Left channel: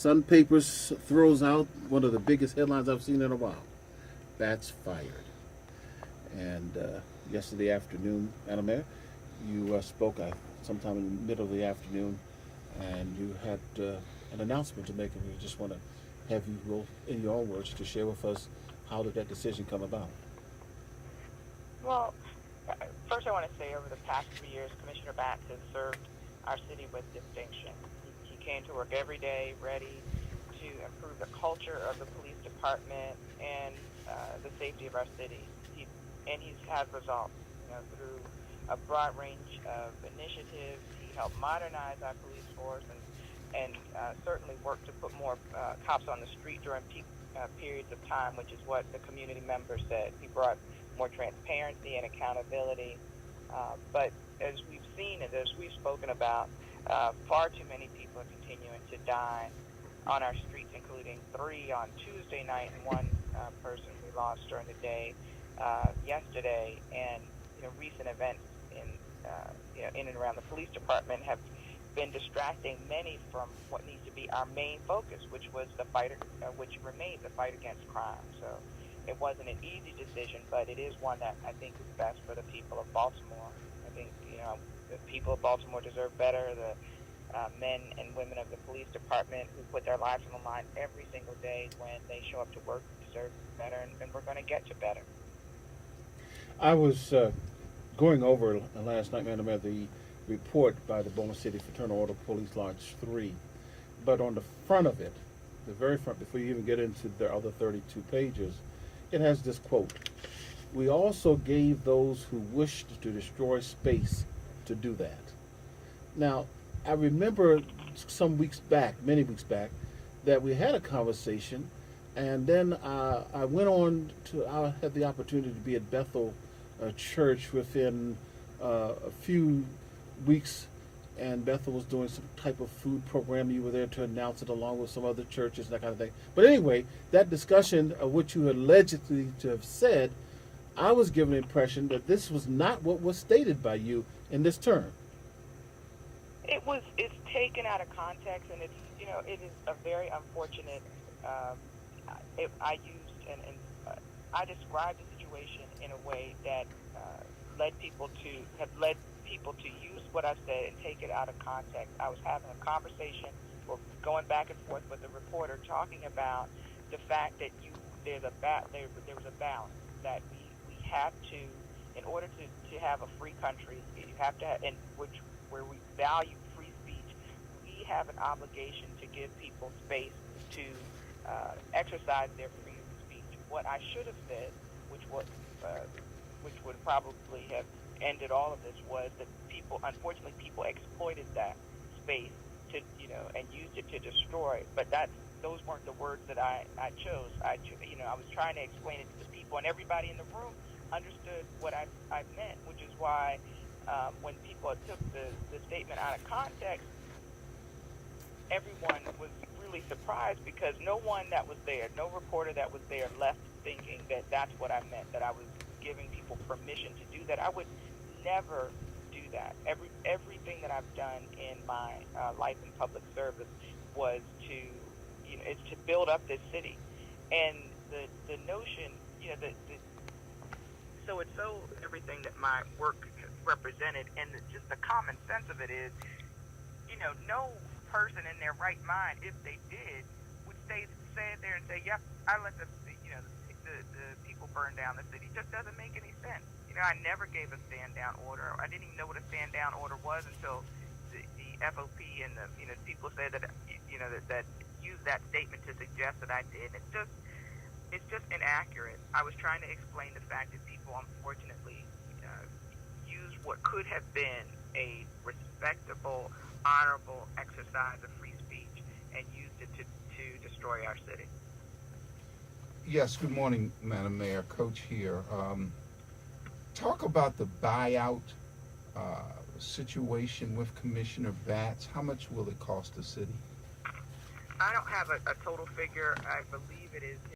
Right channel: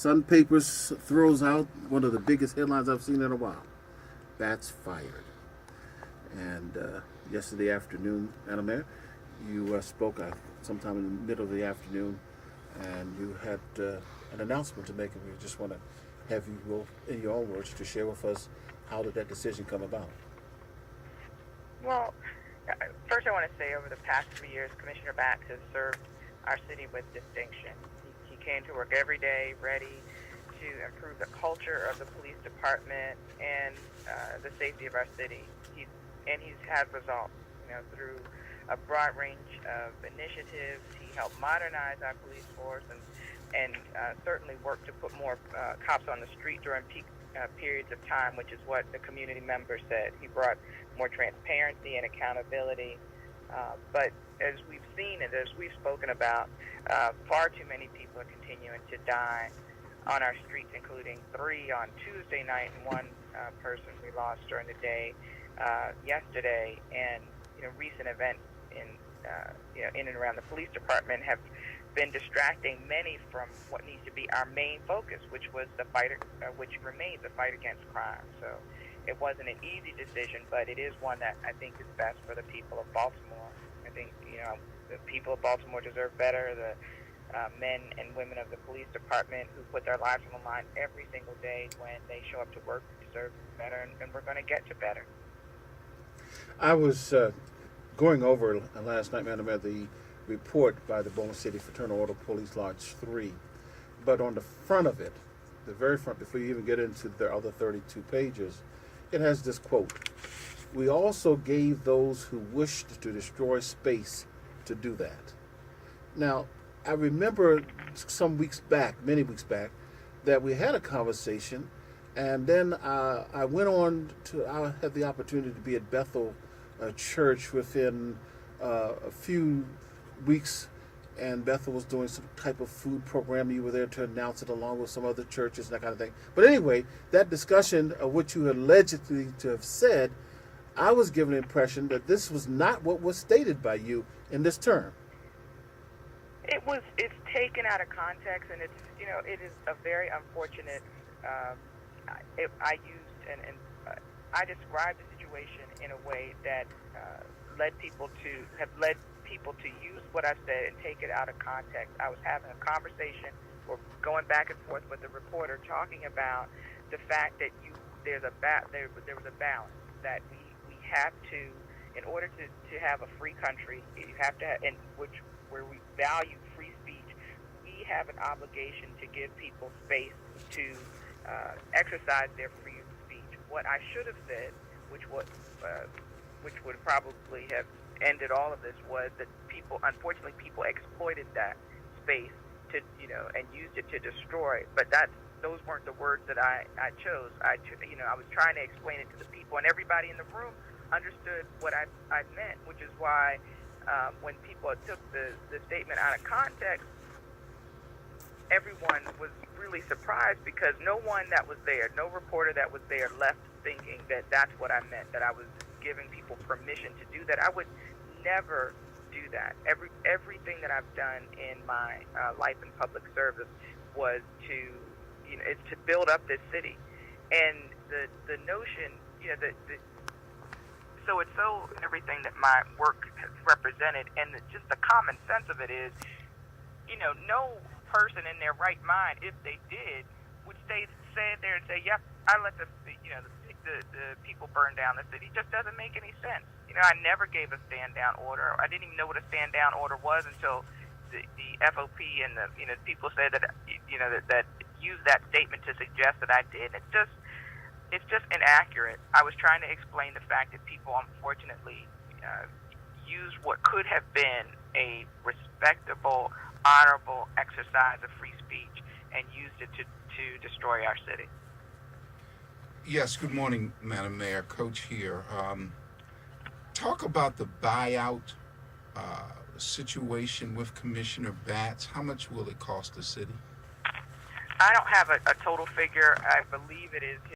Sun Papers throws out one of the biggest headlines I've seen in a while. Bats fired. And yesterday afternoon, Madam Mayor, you spoke sometime in the middle of the afternoon, and you had an announcement to make, and we just want to have you, well, in your own words, to share with us how did that decision come about? Well, first I want to say over the past 3 years, Commissioner Bax has served our city with distinction. He came to work every day ready to improve the culture of the police department and the safety of our city. He's had results, through a broad range of initiatives. He helped modernize our police force and certainly worked to put more cops on the street during peak periods of time, which is what the community members said. He brought more transparency and accountability. But as we've seen and as we've spoken about, far too many people are continuing to die on our streets, including 3 on Tuesday night and 1 person we lost during the day yesterday. And recent events in and around the police department have been distracting many from what needs to be our main focus, which remains the fight against crime. So it wasn't an easy decision, but it is one that I think is best for the people of Baltimore. I think the people of Baltimore deserve better. The men and women of the police department who put their lives on the line every single day when they show up to work deserve better, and we're going to get to better. I was going over last night, Madam Mayor, the report by the Baltimore City Fraternal Order Police Lodge 3, but on the front of it, the very front, before you even get into the other 32 pages, it has this quote: "We also gave those who wished to destroy space to do that." Now, I remember some weeks back, many weeks back, that we had a conversation, and then I went on to, I had the opportunity to be at Bethel Church within a few weeks, and Bethel was doing some type of food program. You were there to announce it along with some other churches and that kind of thing. But anyway, that discussion of what you allegedly to have said, I was given the impression that this was not what was stated by you in this term. It's taken out of context, and it is a very unfortunate. I described the situation in a way that led people to use what I said and take it out of context. I was having a conversation or going back and forth with the reporter talking about the fact that there was a balance that we have to, in order to have a free country, you have to have, where we value free speech, we have an obligation to give people space to exercise their free speech. What I should have said, which would probably have ended all of this, was that unfortunately people exploited that space to and used it to destroy. But those weren't the words that I chose. I was trying to explain it to the people, and everybody in the room understood what I meant, which is why when people took the statement out of context, everyone was really surprised, because no one that was there, no reporter that was there, left thinking that that's what I meant, that I was giving people permission to do that. I would never do that. Everything that I've done in my life in public service was it's to build up this city, and the notion, so it's so everything that my work has represented, and just the common sense of it is, no person in their right mind, if they did, would stay there and say, "Yep, I let the people burn down the city." It just doesn't make any sense. I never gave a stand down order. I didn't even know what a stand down order was until the FOP and the people said that that used that statement to suggest that I did. It's just inaccurate. I was trying to explain the fact that people unfortunately used what could have been a respectable, honorable exercise of free speech and used it to destroy our city. Yes, good morning, Madam Mayor. Coach here. Talk about the buyout situation with Commissioner Batts. How much will it cost the city? I don't have a total figure. I believe it is